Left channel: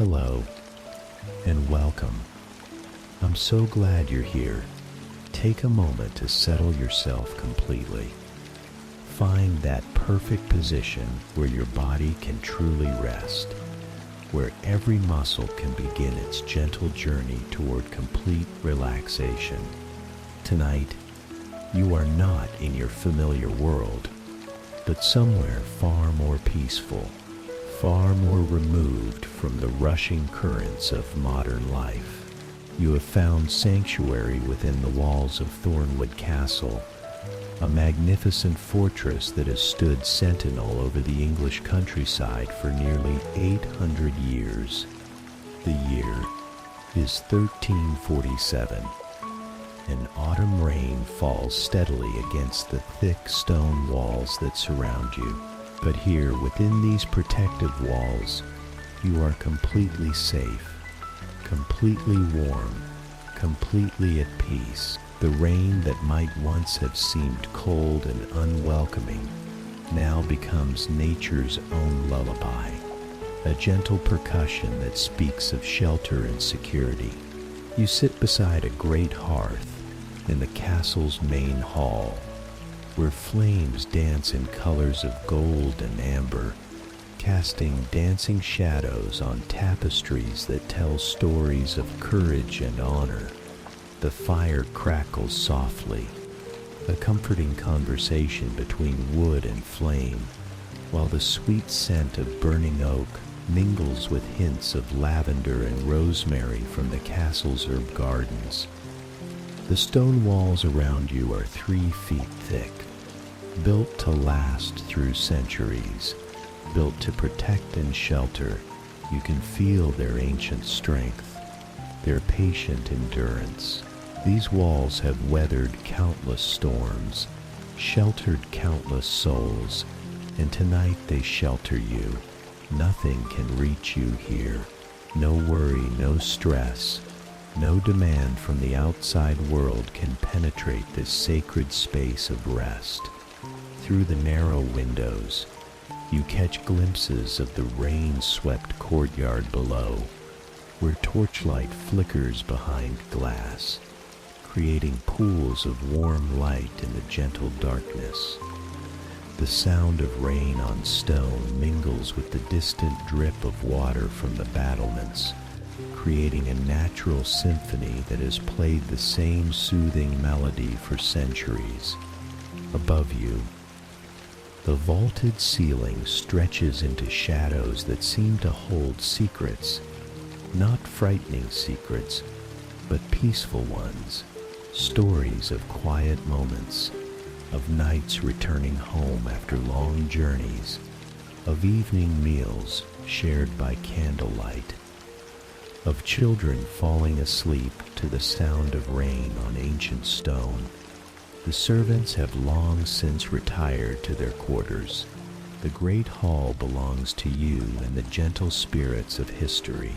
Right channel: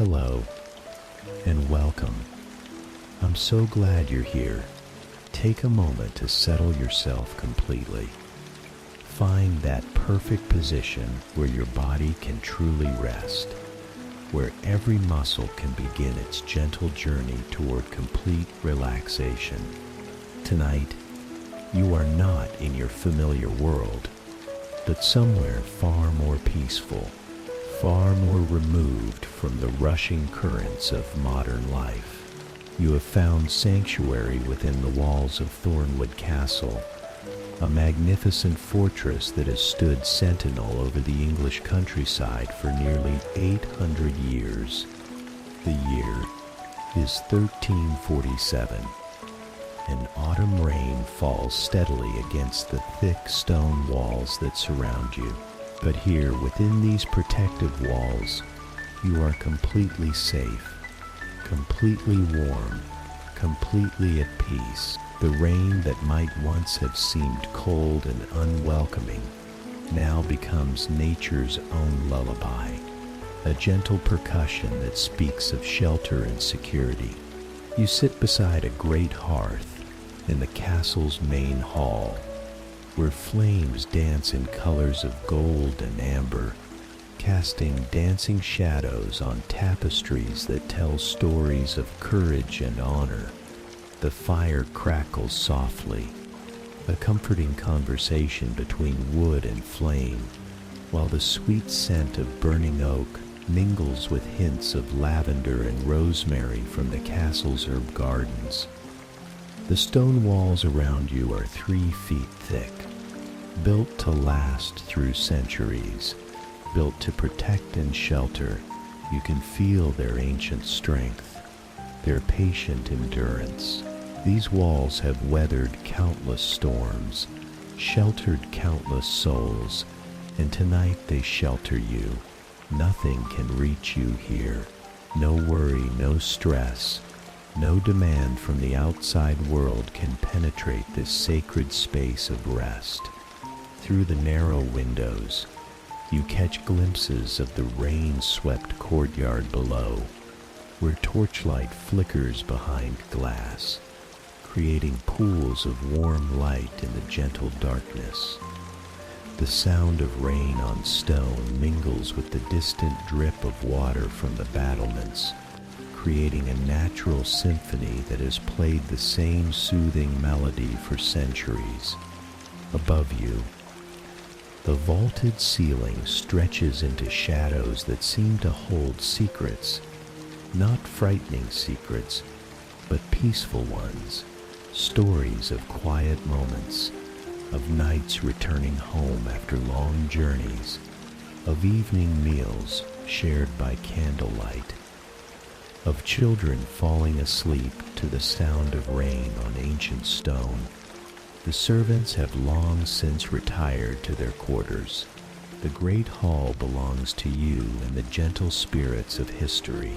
Hello, and welcome. I'm so glad you're here. Take a moment to settle yourself completely. Find that perfect position where your body can truly rest, where every muscle can begin its gentle journey toward complete relaxation. Tonight, you are not in your familiar world, but somewhere far more peaceful, far more removed from the rushing currents of modern life. You have found sanctuary within the walls of Thornwood Castle, a magnificent fortress that has stood sentinel over the English countryside for nearly 800 years. The year is 1347. An autumn rain falls steadily against the thick stone walls that surround you. But here, within these protective walls, you are completely safe, completely warm, completely at peace. The rain that might once have seemed cold and unwelcoming now becomes nature's own lullaby, a gentle percussion that speaks of shelter and security. You sit beside a great hearth in the castle's main hall, where flames dance in colors of gold and amber, casting dancing shadows on tapestries that tell stories of courage and honor. The fire crackles softly, a comforting conversation between wood and flame, while the sweet scent of burning oak mingles with hints of lavender and rosemary from the castle's herb gardens. The stone walls around you are 3 feet thick, built to last through centuries, built to protect and shelter. You can feel their ancient strength, their patient endurance. These walls have weathered countless storms, sheltered countless souls, and tonight they shelter you. Nothing can reach you here. No worry, no stress, no demand from the outside world can penetrate this sacred space of rest. Through the narrow windows, you catch glimpses of the rain-swept courtyard below, where torchlight flickers behind glass, creating pools of warm light in the gentle darkness. The sound of rain on stone mingles with the distant drip of water from the battlements, creating a natural symphony that has played the same soothing melody for centuries. Above you, the vaulted ceiling stretches into shadows that seem to hold secrets, not frightening secrets, but peaceful ones, stories of quiet moments, of nights returning home after long journeys, of evening meals shared by candlelight, of children falling asleep to the sound of rain on ancient stone. The servants have long since retired to their quarters. The great hall belongs to you and the gentle spirits of history.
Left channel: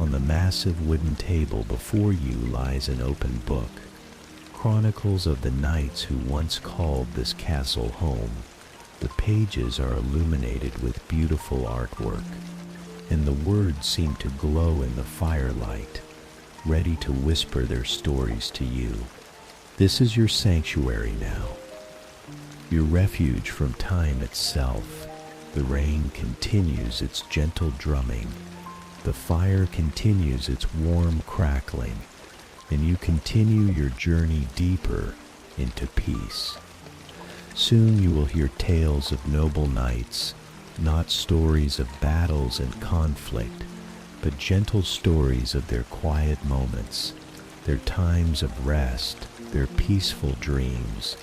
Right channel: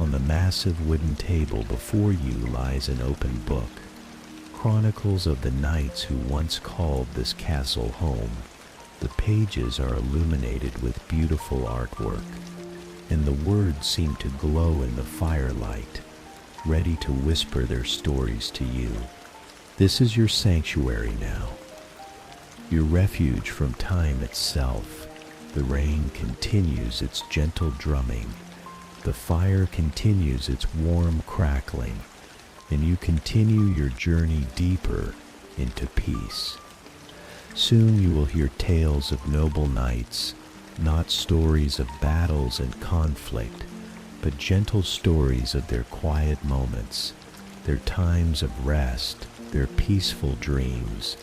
On the massive wooden table before you lies an open book, chronicles of the knights who once called this castle home. The pages are illuminated with beautiful artwork, and the words seem to glow in the firelight, ready to whisper their stories to you. This is your sanctuary now, your refuge from time itself. The rain continues its gentle drumming, the fire continues its warm crackling, and you continue your journey deeper into peace. Soon you will hear tales of noble knights, not stories of battles and conflict, but gentle stories of their quiet moments, their times of rest, their peaceful dreams.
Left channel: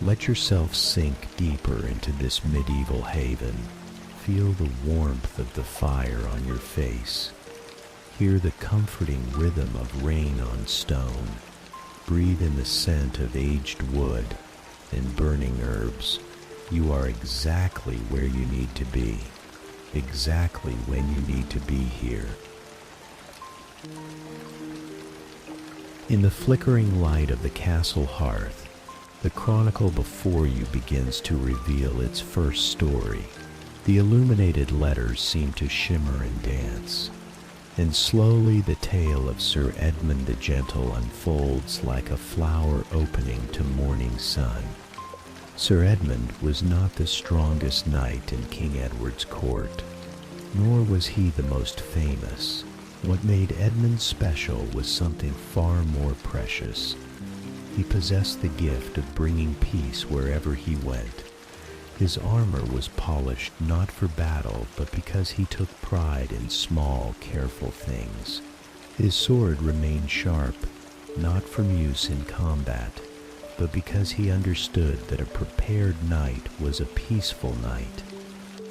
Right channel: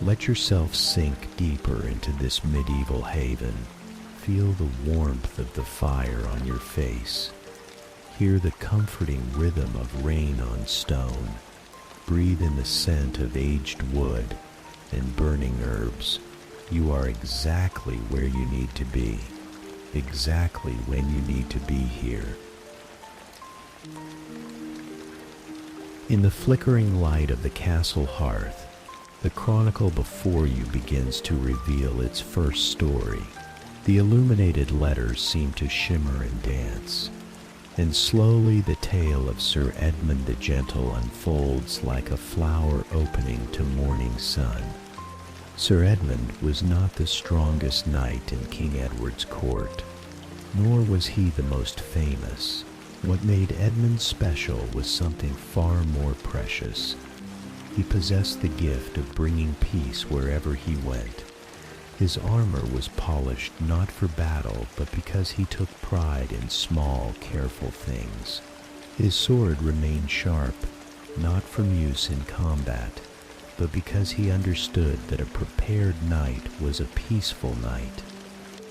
Let yourself sink deeper into this medieval haven. Feel the warmth of the fire on your face. Hear the comforting rhythm of rain on stone. Breathe in the scent of aged wood and burning herbs. You are exactly where you need to be, exactly when you need to be here. In the flickering light of the castle hearth, the chronicle before you begins to reveal its first story. The illuminated letters seem to shimmer and dance, and slowly the tale of Sir Edmund the Gentle unfolds like a flower opening to morning sun. Sir Edmund was not the strongest knight in King Edward's court, nor was he the most famous. What made Edmund special was something far more precious. He possessed the gift of bringing peace wherever he went. His armor was polished not for battle, but because he took pride in small, careful things. His sword remained sharp, not from use in combat, but because he understood that a prepared knight was a peaceful knight.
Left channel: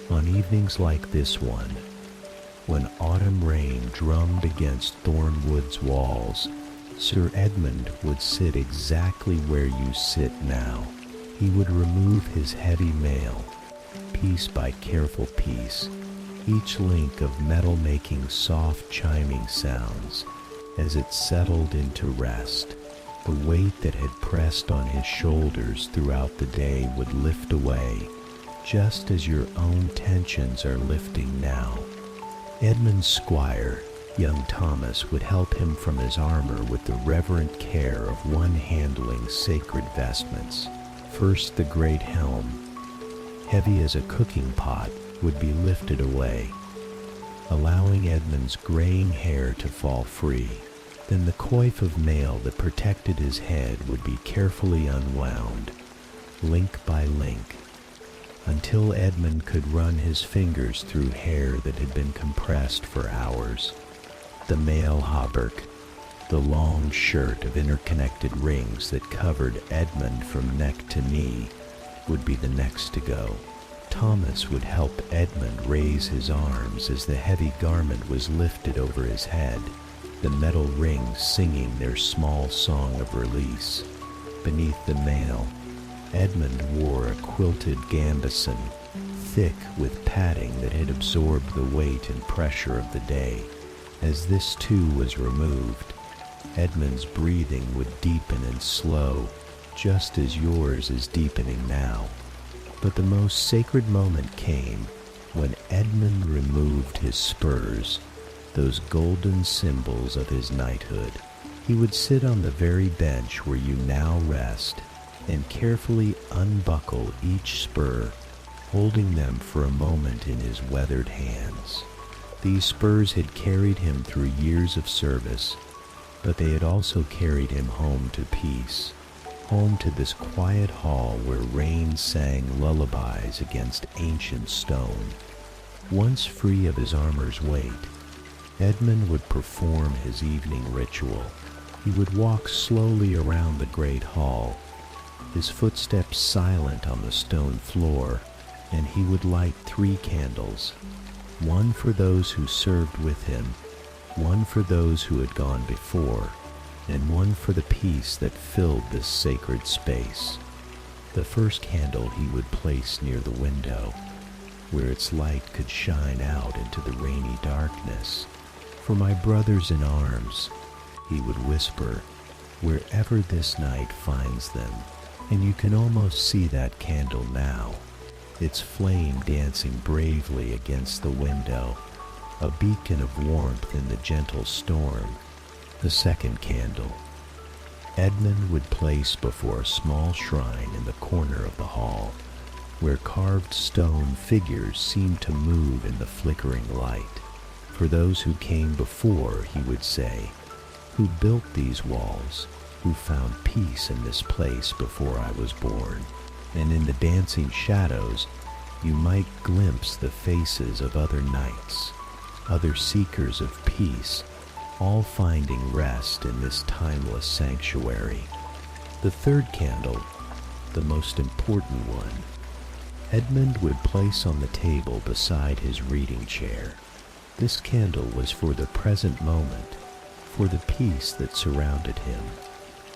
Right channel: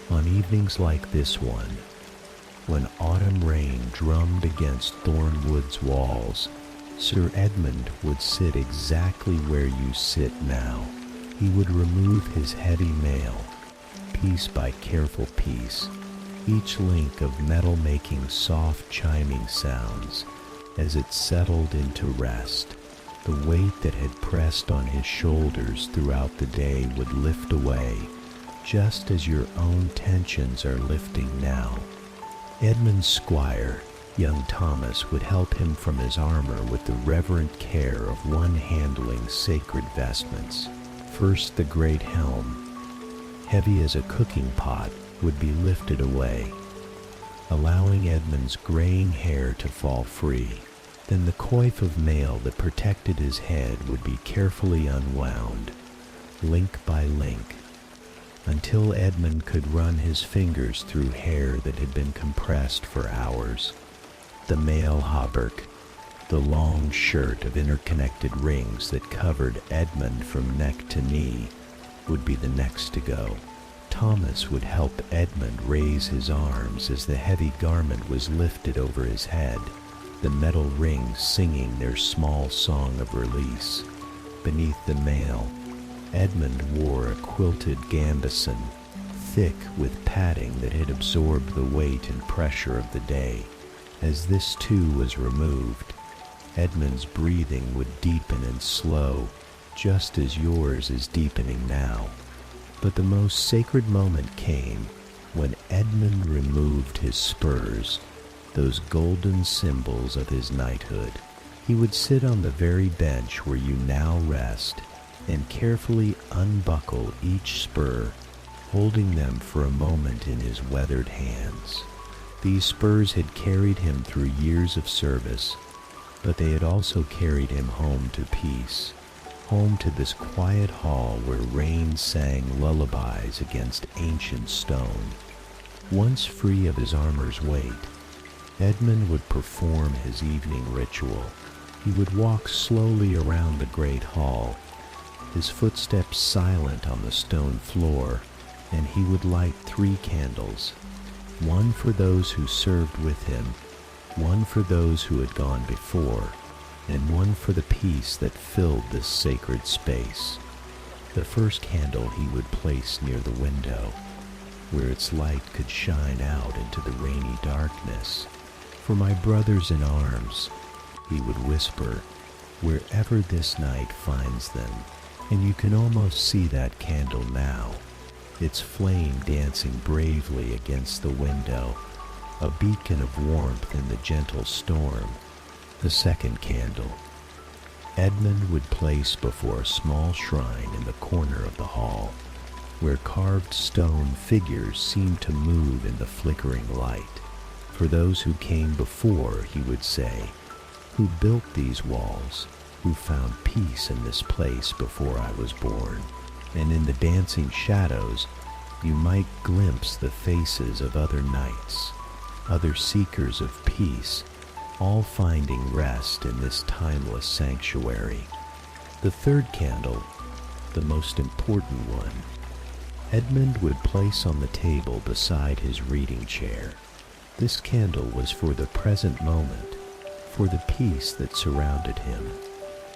On evenings like this one, when autumn rain drummed against Thornwood's walls, Sir Edmund would sit exactly where you sit now. He would remove his heavy mail, piece by careful piece, each link of metal making soft chiming sounds as it settled into rest. The weight that had pressed on his shoulders throughout the day would lift away, just as your own tensions are lifting now. Edmund's squire, young Thomas, would help him from his armor with the reverent care of one handling sacred vestments. First, the great helm, heavy as a cooking pot, would be lifted away, allowing Edmund's graying hair to fall free. Then the coif of mail that protected his head would be carefully unwound, link by link, until Edmund could run his fingers through hair that had been compressed for hours. The mail hauberk, the long shirt of interconnected rings that covered Edmund from neck to knee, would be the next to go. Thomas would help Edmund raise his arms as the heavy garment was lifted over his head, the metal rings singing their small song of release. Beneath the mail, Edmund wore a quilted gambeson, thick with padding that had absorbed the weight and pressure of the day. As this too was removed, Edmund's breathing would deepen and slow, just as yours is deepening now. But the most sacred moment came when Edmund removed his spurs, those golden symbols of his knighthood. He would sit on the very bench where you now rest and carefully unbuckle each spur, holding them for a moment in his weathered hands. These spurs had carried him through years of service, but they had also carried him home to peace, home to this quiet hall where rain sang lullabies against ancient stone. Once free of his armor's weight, Edmund would perform his evening ritual. He would walk slowly around the great hall, his footsteps silent on the stone floor, and he would light 3 candles, one for those who served with him, one for those who had gone before, and one for the peace that filled this sacred space. The first candle he would place near the window, where its light could shine out into the rainy darkness. "For my brothers in arms," he would whisper, "wherever this night finds them." And you can almost see that candle now, its flame dancing bravely against the window, a beacon of warmth in the gentle storm. The second candle, Edmund would place before a small shrine in the corner of the hall, where carved stone figures seemed to move in the flickering light. "For those who came before," he would say, "who built these walls, who found peace in this place before I was born." And in the dancing shadows, you might glimpse the faces of other knights, other seekers of peace, all finding rest in this timeless sanctuary. The third candle, the most important one, Edmund would place on the table beside his reading chair. This candle was for the present moment, for the peace that surrounded him,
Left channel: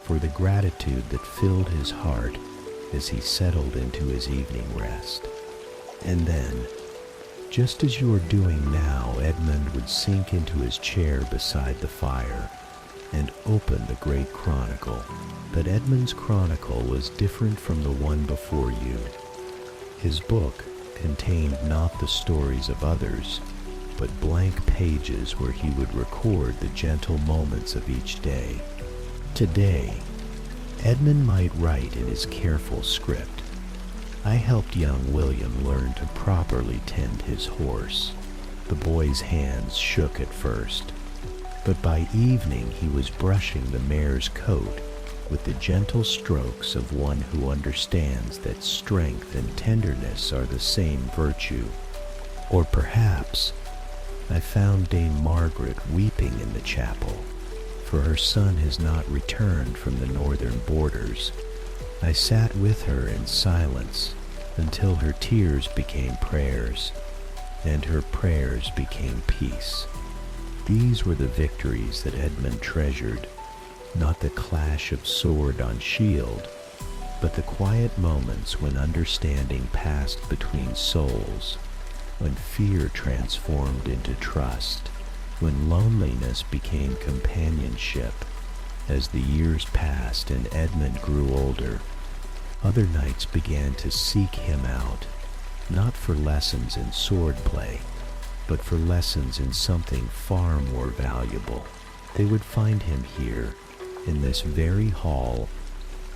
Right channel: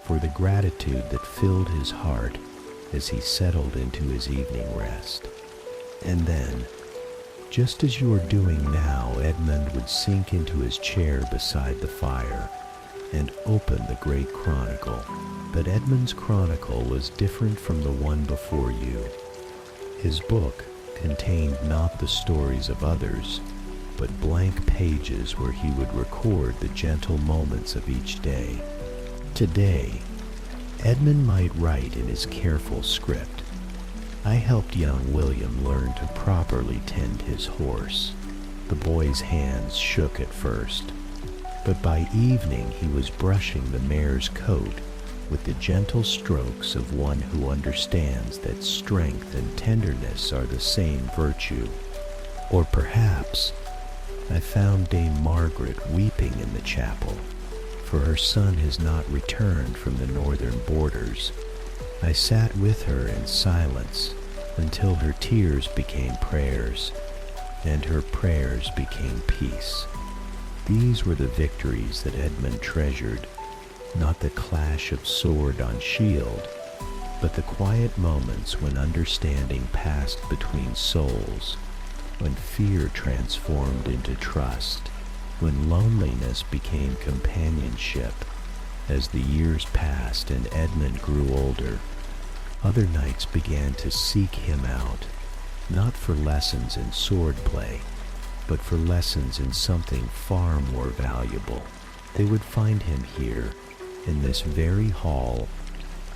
for the gratitude that filled his heart as he settled into his evening rest. And then, just as you are doing now, Edmund would sink into his chair beside the fire and open the great chronicle. But Edmund's chronicle was different from the one before you. His book contained not the stories of others, but blank pages where he would record the gentle moments of each day. Today, Edmund might write in his careful script, "I helped young William learn to properly tend his horse." The boy's hands shook at first, but by evening he was brushing the mare's coat with the gentle strokes of one who understands that strength and tenderness are the same virtue. Or perhaps I found Dame Margaret weeping in the chapel, for her son has not returned from the northern borders. I sat with her in silence until her tears became prayers, and her prayers became peace. These were the victories that Edmund treasured, not the clash of sword on shield, but the quiet moments when understanding passed between souls, when fear transformed into trust, when loneliness became companionship. As the years passed and Edmund grew older, other knights began to seek him out, not for lessons in swordplay, but for lessons in something far more valuable. They would find him here, in this very hall,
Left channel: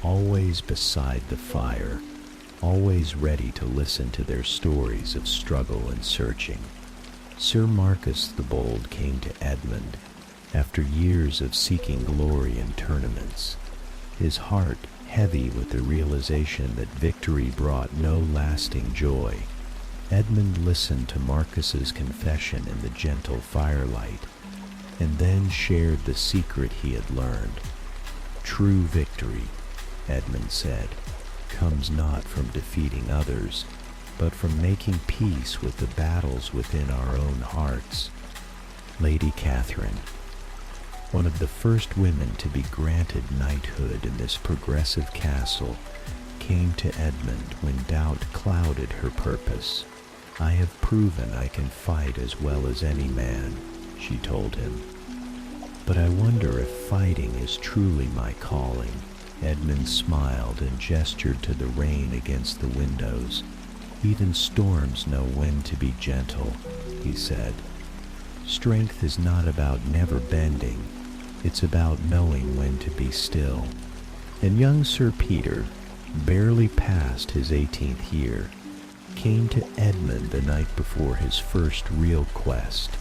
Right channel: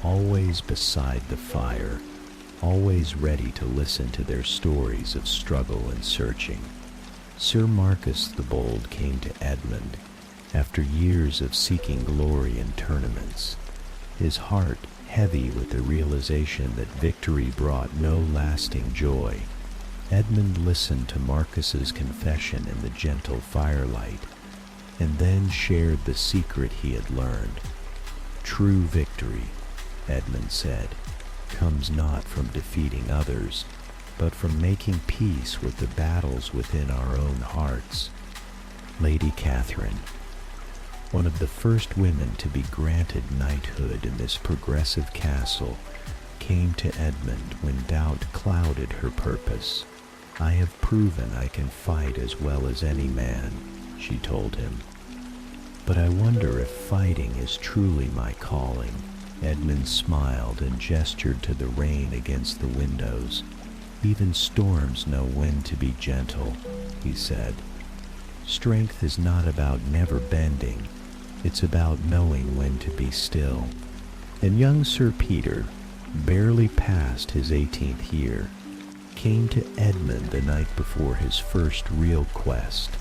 always beside the fire, always ready to listen to their stories of struggle and searching. Sir Marcus the Bold came to Edmund after years of seeking glory in tournaments, his heart heavy with the realization that victory brought no lasting joy. Edmund listened to Marcus's confession in the gentle firelight, and then shared the secret he had learned. "True victory," Edmund said, "comes not from defeating others, but from making peace with the battles within our own hearts." Lady Catherine, one of the first women to be granted knighthood in this progressive castle, came to Edmund when doubt clouded her purpose. "I have proven I can fight as well as any man," she told him. "But I wonder if fighting is truly my calling." Edmund smiled and gestured to the rain against the windows. "Even storms know when to be gentle," he said. "Strength is not about never bending. It's about knowing when to be still." And young Sir Peter, barely past his 18th year, came to Edmund the night before his first real quest.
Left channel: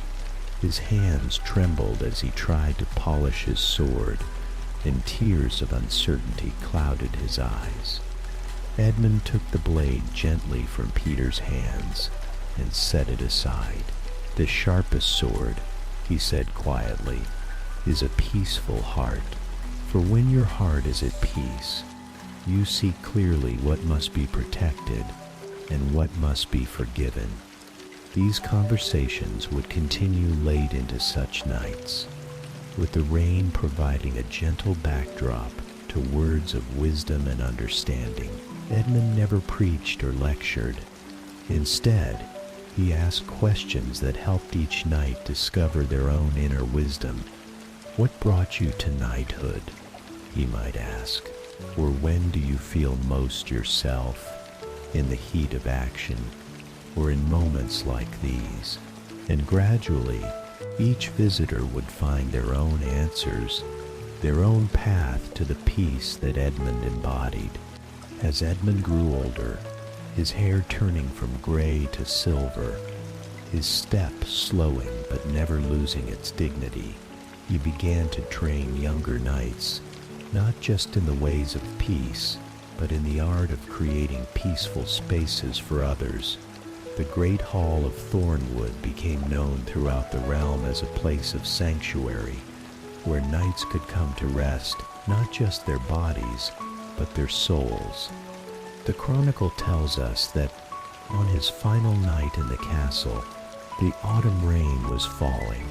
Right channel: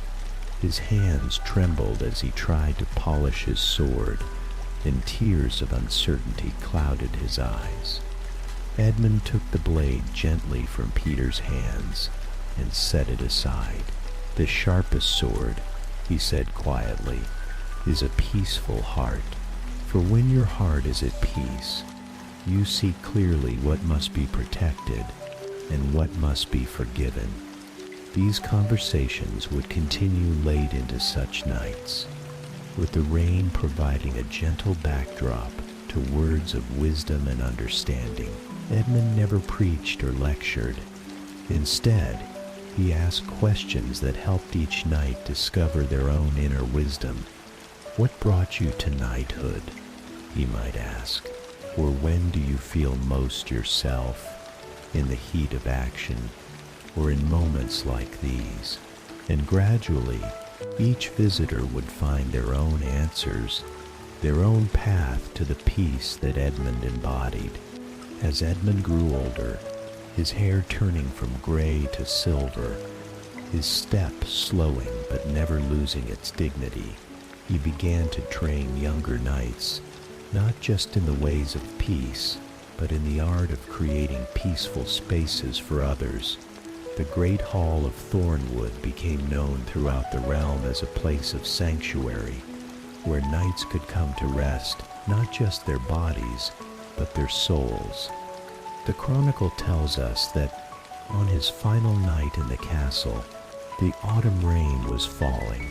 His hands trembled as he tried to polish his sword, and tears of uncertainty clouded his eyes. Edmund took the blade gently from Peter's hands and set it aside. "The sharpest sword," he said quietly, "is a peaceful heart. For when your heart is at peace, you see clearly what must be protected and what must be forgiven." These conversations would continue late into such nights, with the rain providing a gentle backdrop to words of wisdom and understanding. Edmund never preached or lectured. Instead, he asked questions that helped each knight discover their own inner wisdom. "What brought you to knighthood?" he might ask. "Or when do you feel most yourself? In the heat of action, or in moments like these?" And gradually, each visitor would find their own answers, their own path to the peace that Edmund embodied. As Edmund grew older, his hair turning from gray to silver, his step slowing but never losing its dignity, he began to train younger knights, not just in the ways of peace, but in the art of creating peaceful spaces for others. The great hall of Thornwood became known throughout the realm as a place of sanctuary, where knights could come to rest not just their bodies, but their souls. The chronicle tells us that on his final night in the castle, the autumn rain was falling,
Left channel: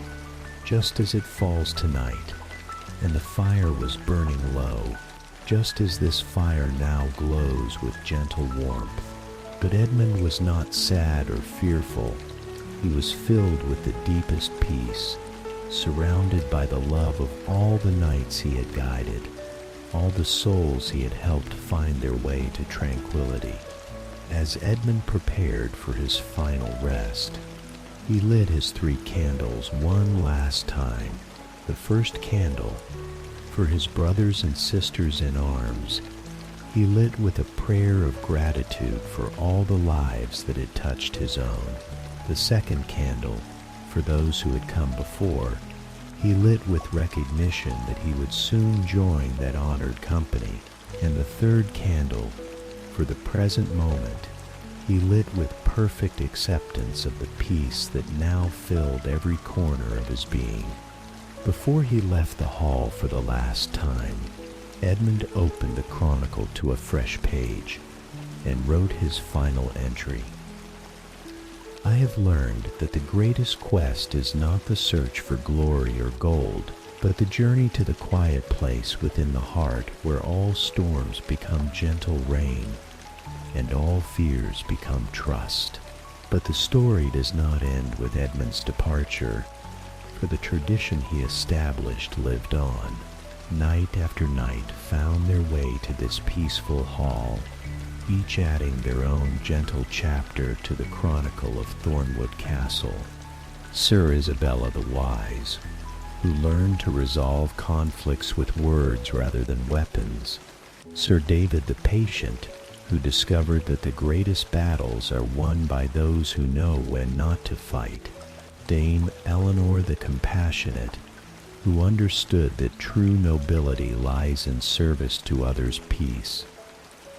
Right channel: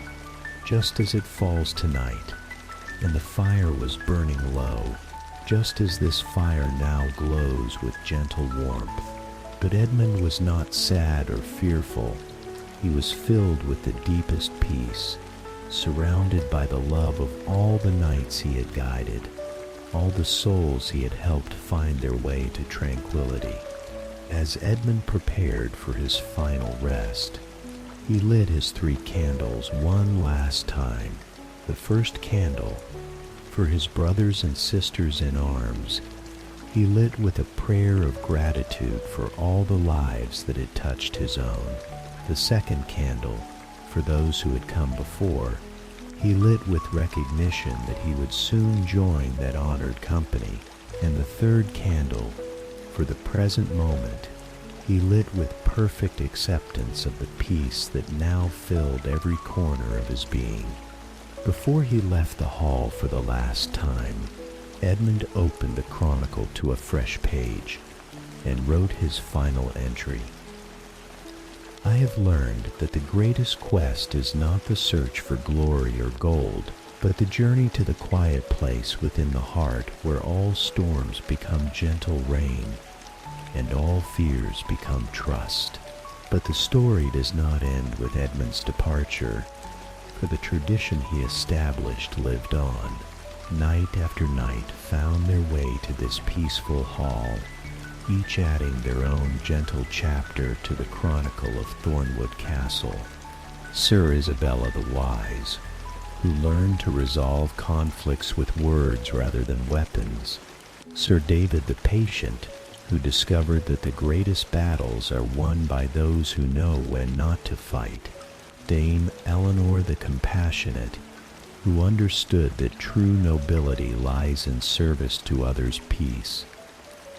just as it falls tonight, and the fire was burning low, just as this fire now glows with gentle warmth. But Edmund was not sad or fearful. He was filled with the deepest peace, surrounded by the love of all the knights he had guided, all the souls he had helped find their way to tranquility. As Edmund prepared for his final rest, He lit his 3 candles one last time. The first candle, for his brothers and sisters in arms, he lit with a prayer of gratitude for all the lives that had touched his own. The second candle, for those who had come before, he lit with recognition that he would soon join that honored company. And the third candle, for the present moment, he lit with perfect acceptance of the peace that now filled every corner of his being. Before he left the hall for the last time, Edmund opened the chronicle to a fresh page and wrote his final entry. I have learned that the greatest quest is not the search for glory or gold, but the journey to the quiet place within the heart where all storms become gentle rain and all fears become trust. But the story does not end with Edmund's departure, for the tradition he established lived on. Night after night found their way to this peaceful hall, each adding their own gentle chapter to the chronicle of Thornwood Castle. Sir Isabella the Wise, who learned to resolve conflicts with words rather than weapons. Sir David the Patient, who discovered that the greatest battles are won by those who know when not to fight. Dame Eleanor the Compassionate, who understood that true nobility lies in service to others' peace.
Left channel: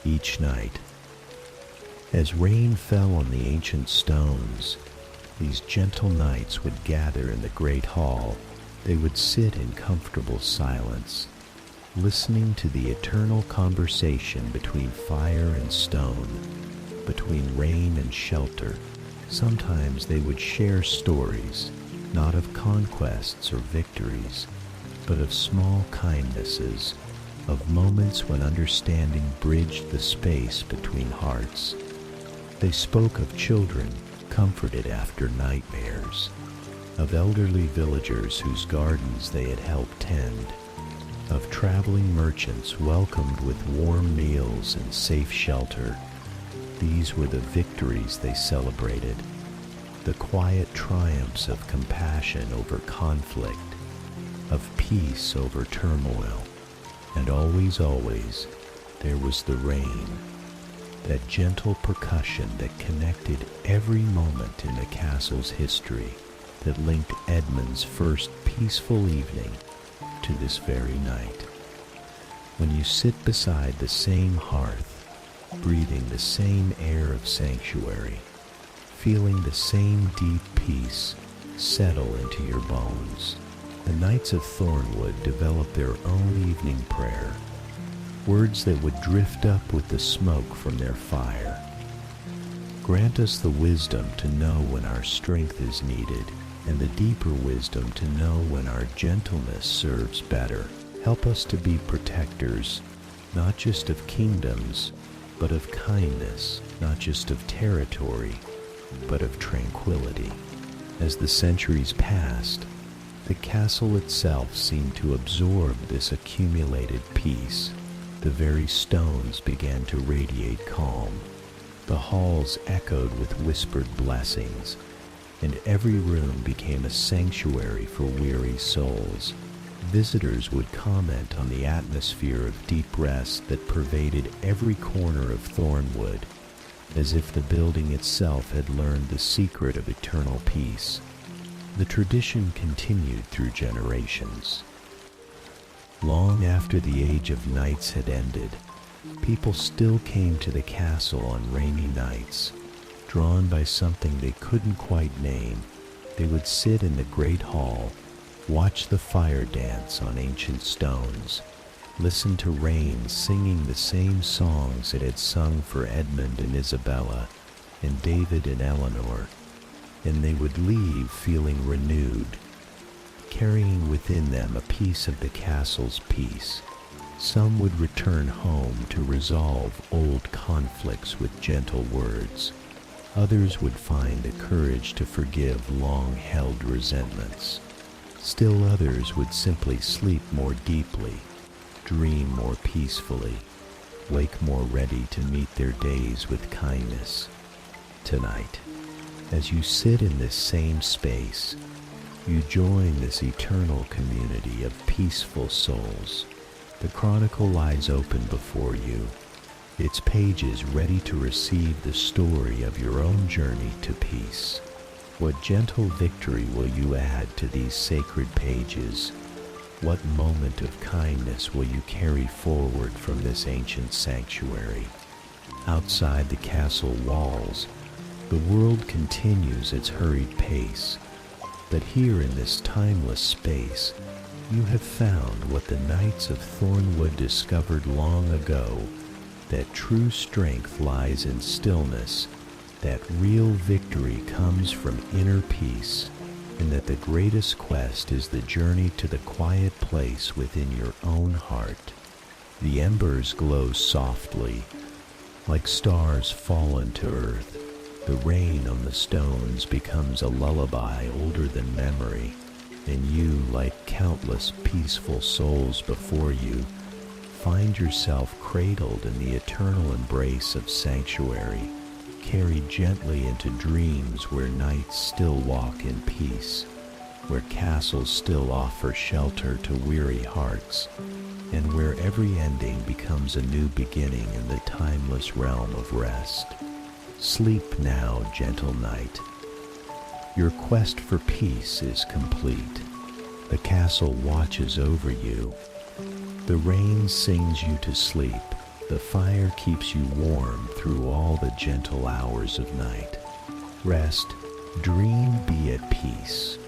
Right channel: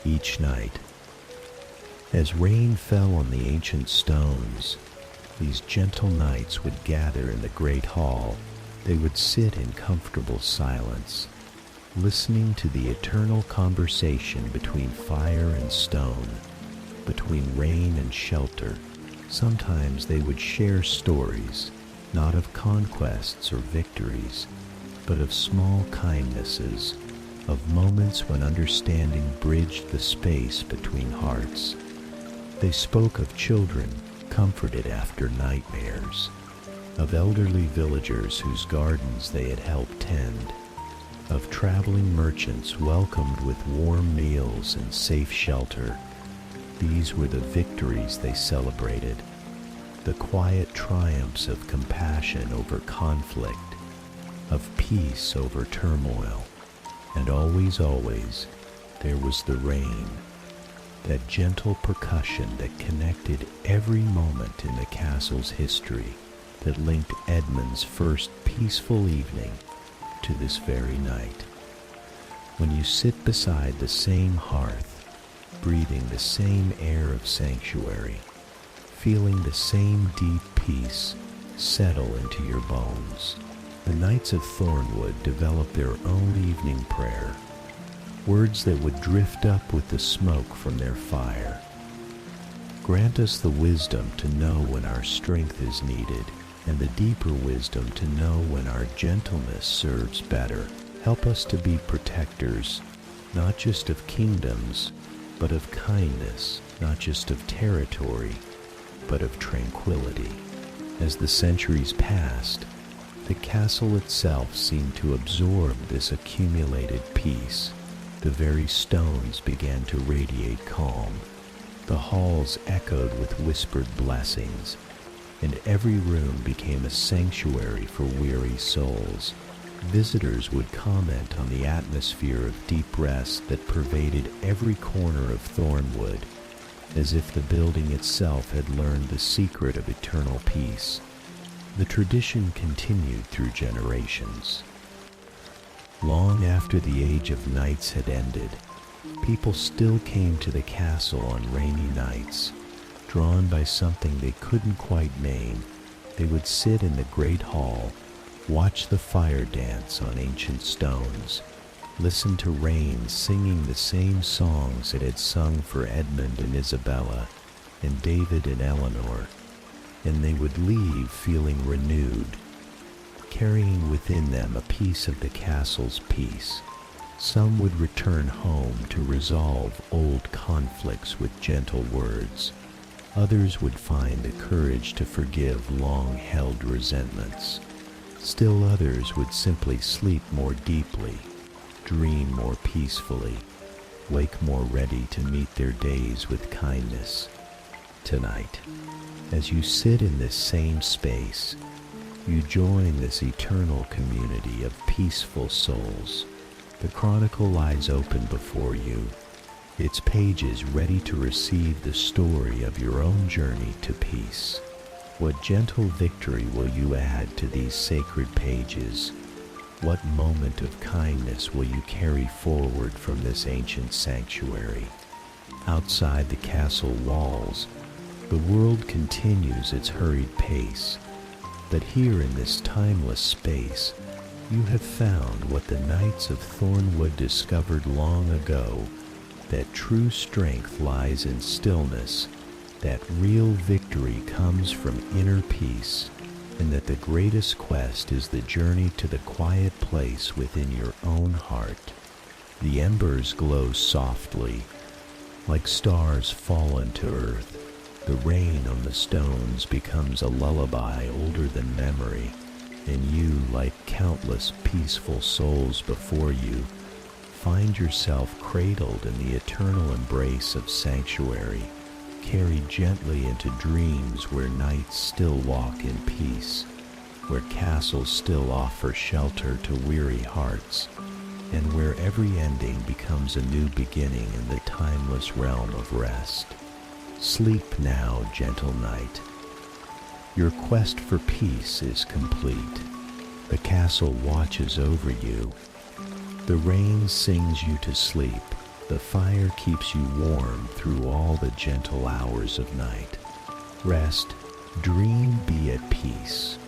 Each night, as rain fell on the ancient stones, these gentle knights would gather in the great hall. They would sit in comfortable silence, listening to the eternal conversation between fire and stone, between rain and shelter. Sometimes they would share stories, not of conquests or victories, but of small kindnesses, of moments when understanding bridged the space between hearts. They spoke of children comforted after nightmares, of elderly villagers whose gardens they had helped tend, of traveling merchants welcomed with warm meals and safe shelter. These were the victories they celebrated, the quiet triumphs of compassion over conflict, of peace over turmoil. And always, always, there was the rain, that gentle percussion that connected every moment in the castle's history, that linked Edmund's first peaceful evening to this very night. When you sit beside the same hearth, breathing the same air of sanctuary, feeling the same deep peace settle into your bones, the Knights of Thornwood developed their own evening prayer, words that would drift up with the smoke from their fire. Grant us the wisdom to know when our strength is needed, and the deeper wisdom to know when our gentleness serves better. Help us to be protectors, not just of kingdoms, but of kindness, not just of territory, but of tranquility. As the centuries passed, the castle itself seemed to absorb this accumulated peace. The very stones began to radiate calm. The halls echoed with whispered blessings, and every room became a sanctuary for weary souls. Visitors would comment on the atmosphere of deep rest that pervaded every corner of Thornwood, as if the building itself had learned the secret of eternal peace. The tradition continued through generations. Long after the age of knights had ended, people still came to the castle on rainy nights. Drawn by something they couldn't quite name, they would sit in the great hall, watch the fire dance on ancient stones, listen to rain singing the same songs it had sung for Edmund and Isabella, and David and Eleanor, and they would leave feeling renewed, carrying within them a piece of the castle's peace. Some would return home to resolve old conflicts with gentle words. Others would find the courage to forgive long-held resentments. Still others would simply sleep more deeply, dream more peacefully, wake more ready to meet their days with kindness. Tonight, As you sit in this same space, you join this eternal community of peaceful souls. The chronicle lies open before you, its pages ready to receive the story of your own journey to peace. What gentle victory will you add to these sacred pages? What moment of kindness will you carry forward from this ancient sanctuary? Outside the castle walls, the world continues its hurried pace, but here in this timeless space, you have found what the knights of Thornwood discovered long ago, that true strength lies in stillness, that real victory comes from inner peace, and that the greatest quest is the journey to the quiet place within your own heart. The embers glow softly, like stars fallen to earth. The rain on the stones becomes a lullaby older than memory, and you, like countless peaceful souls before you, find yourself cradled in the eternal embrace of sanctuary, carried gently into dreams where nights still walk in peace, where castles still offer shelter to weary hearts, and where every ending becomes a new beginning in the timeless realm of rest. Sleep now, gentle knight. Your quest for peace is complete. The castle watches over you. The rain sings you to sleep. The fire keeps you warm through all the gentle hours of night. Rest, dream, be at peace.